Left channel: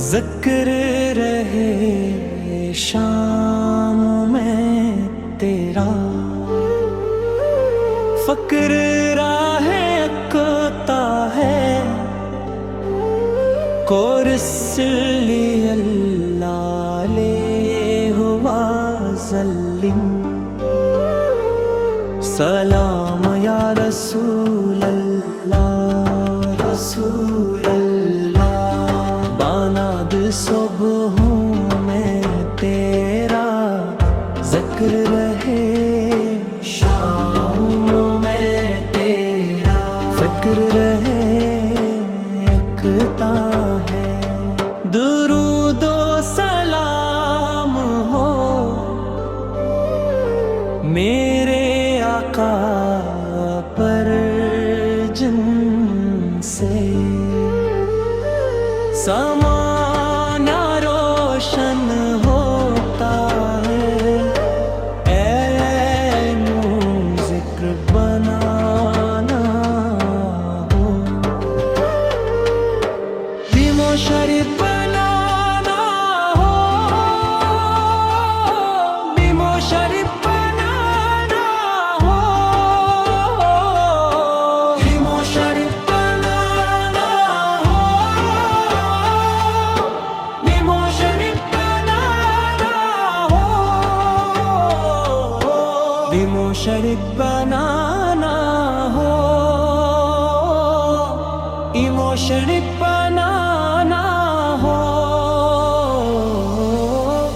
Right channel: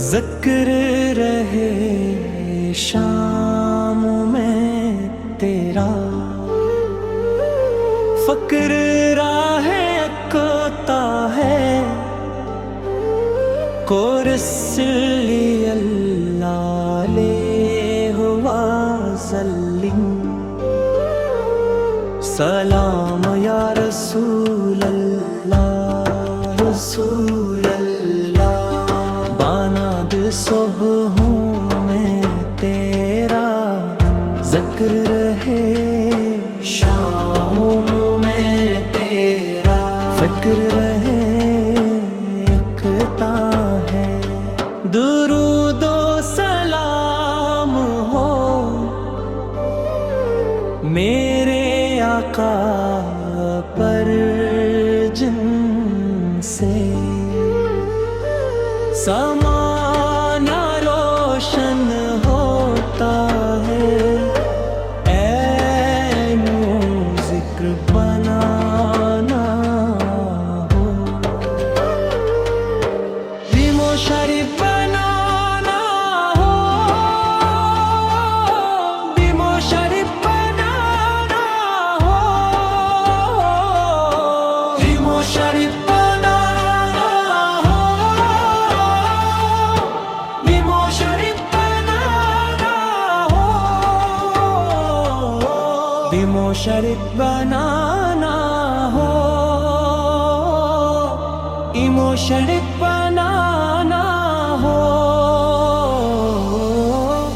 ذکر رہے شام میں تیرا، فکر راہ اکتا ہے، کورسلی اللہ لے ہوا ظلم، سلام یا رسول اللہ رسول اللہ، باناد صبح میں تیرا ذکر رہے، شام میں تیرا فکر رہے، اکتا ہے، درود و سلام ہو میرے آقا پر جن سے، سمانہ روشن ہوتا ہے، اے نو ذکر بنانا ہو، بیمو شریف بنانا ہو، بیمو شریف بنانا ہو، بیمو شریف بنانا ہو، بیمو شریف بنانا ہو، بیمو شریف بنانا ہو، ایمو شریف بنانا ہو،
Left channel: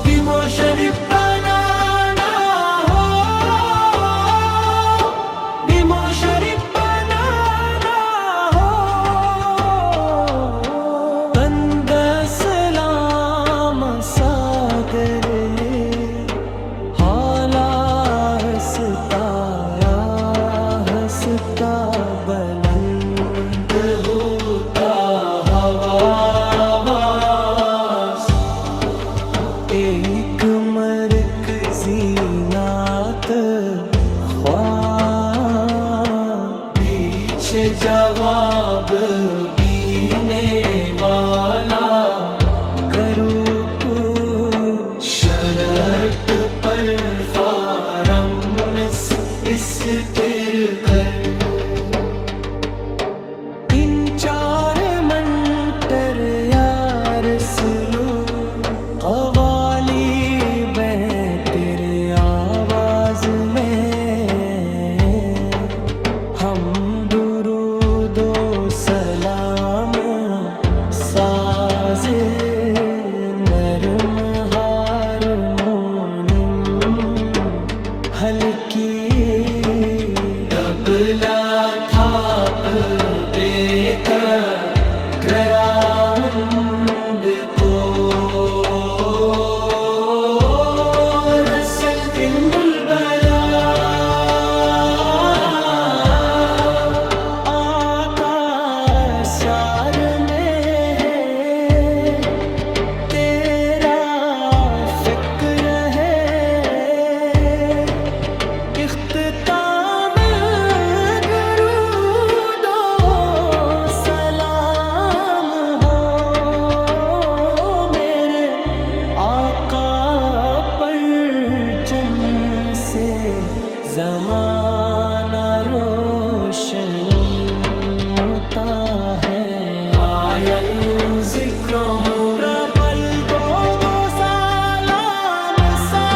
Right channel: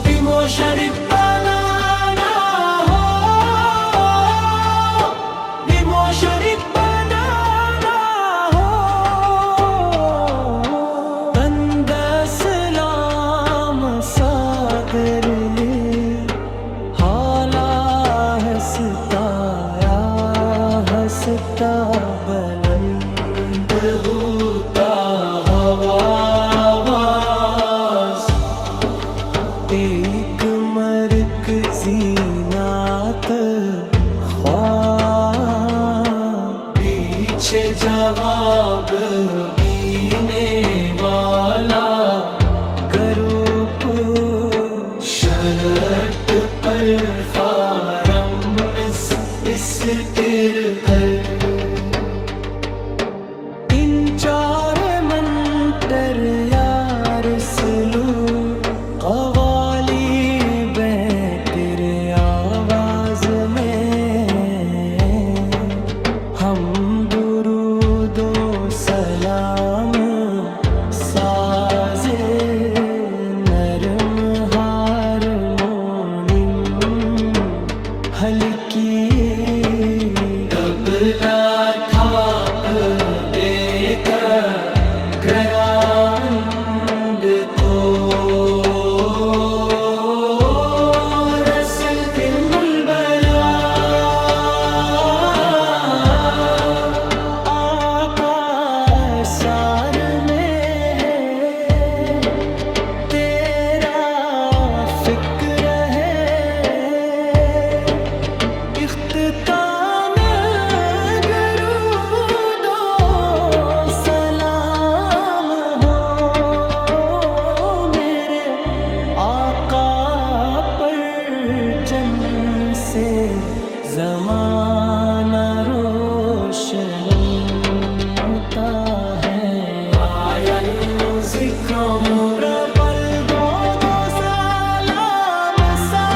بیمو شریف بنانا ہو، بیمو شریف بنانا ہو، بند سلام ساگر لے حالا ہستا یا ہستا بلند ہوتا آواز، ایک مرکزی نعت خواہ، پیچھے جواب بینے والا، گروپ شرط پر فارم اسٹر کر، چار منٹر یا رسولو قوالی بیں تیرے آواز میں، ہم درود و سلام ساز نرم ہارمونیم ہلکی تبلا شار میں ہے تیرا فکر ہے، اختتام درود و سلام ہو میرے آقا پر جن سے، زمانہ روشن ہوتا ہے، آیا ذکروں پربل دو سلام سا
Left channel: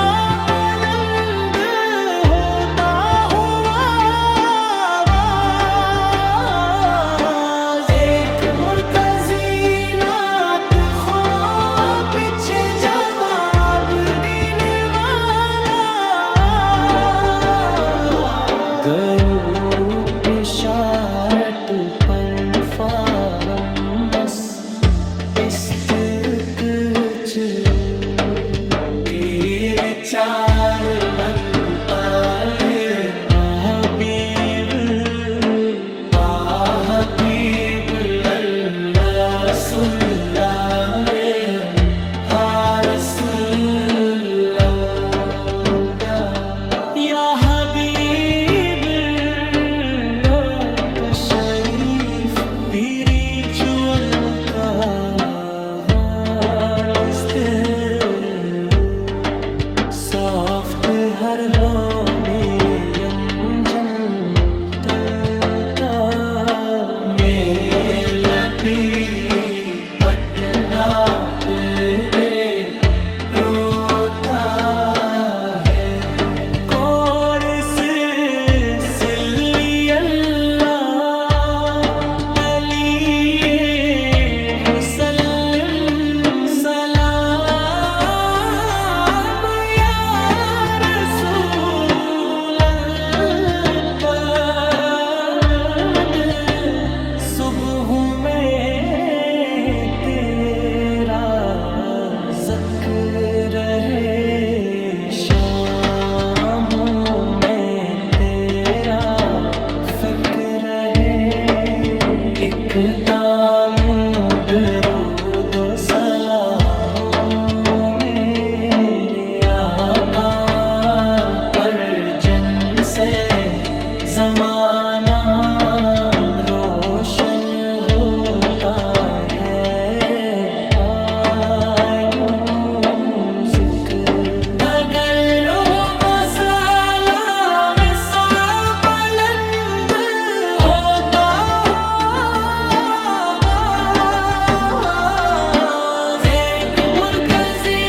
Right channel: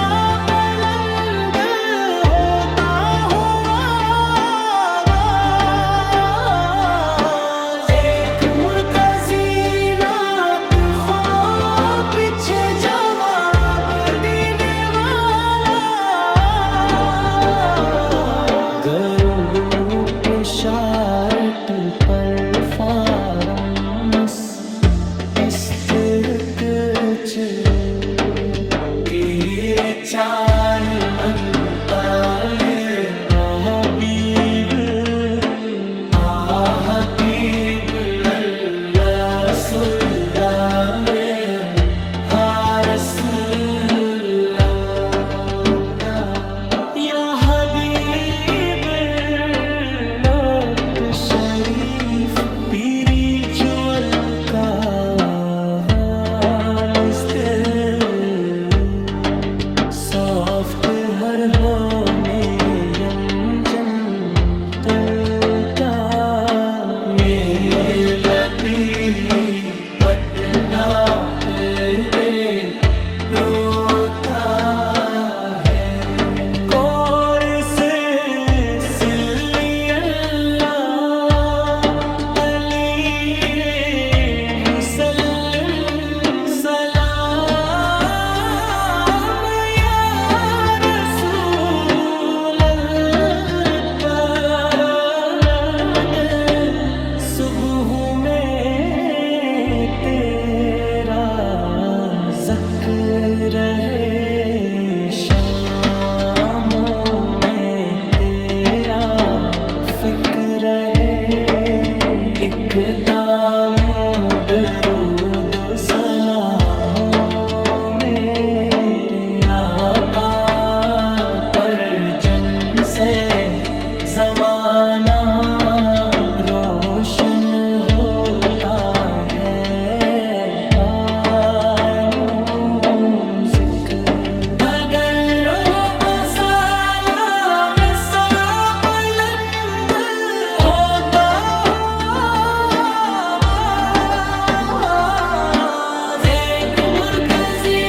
بلند ہوتا ہوا آواز، ایک مرکزی نعت خواہ، پیچھے جواب دینے والا، گروپ شارٹ پر فارم استرک تیرے چار منتال، یا حبیب اللہ رسول اللہ، یا رسول اللہ، یا حبیب شریف پیری چول کا ہر ہو میں یم جنتل کا میلتی پڑھنا دے روتا ہے کورس سلی اللہ علی وسلم صبح میں تیرا ذکر ہے شاموں میں تیرا فکر ہے ایک تام درود و سلاموں میرے آقا پر جن سے زمانہ روشن ہوتا ہے آیوں ذکر اگر روب سلام سا بلند ہوتا ہو آواز ایک مرکزی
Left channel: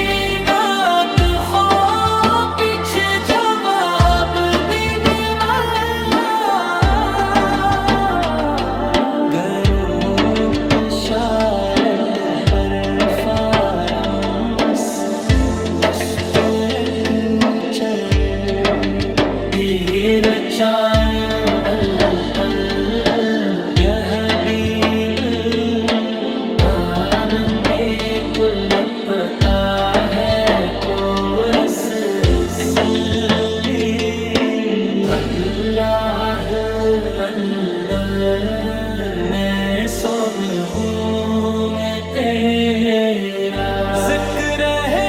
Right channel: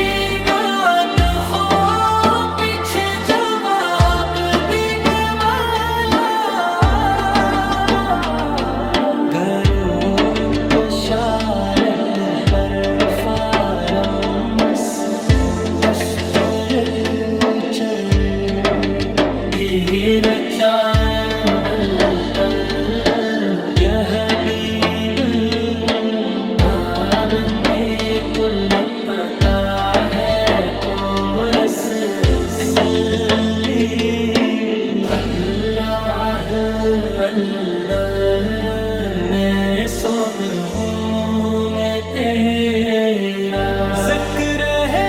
نعت خواہ پیچھے جواب دینے والا گروپ شارت پر فارمس استرک چر تیر چار بلتل یا حبیب باب میں لپتا ہے کورس سلی اللہ میں صبحوں میں تیرا ذکر ہے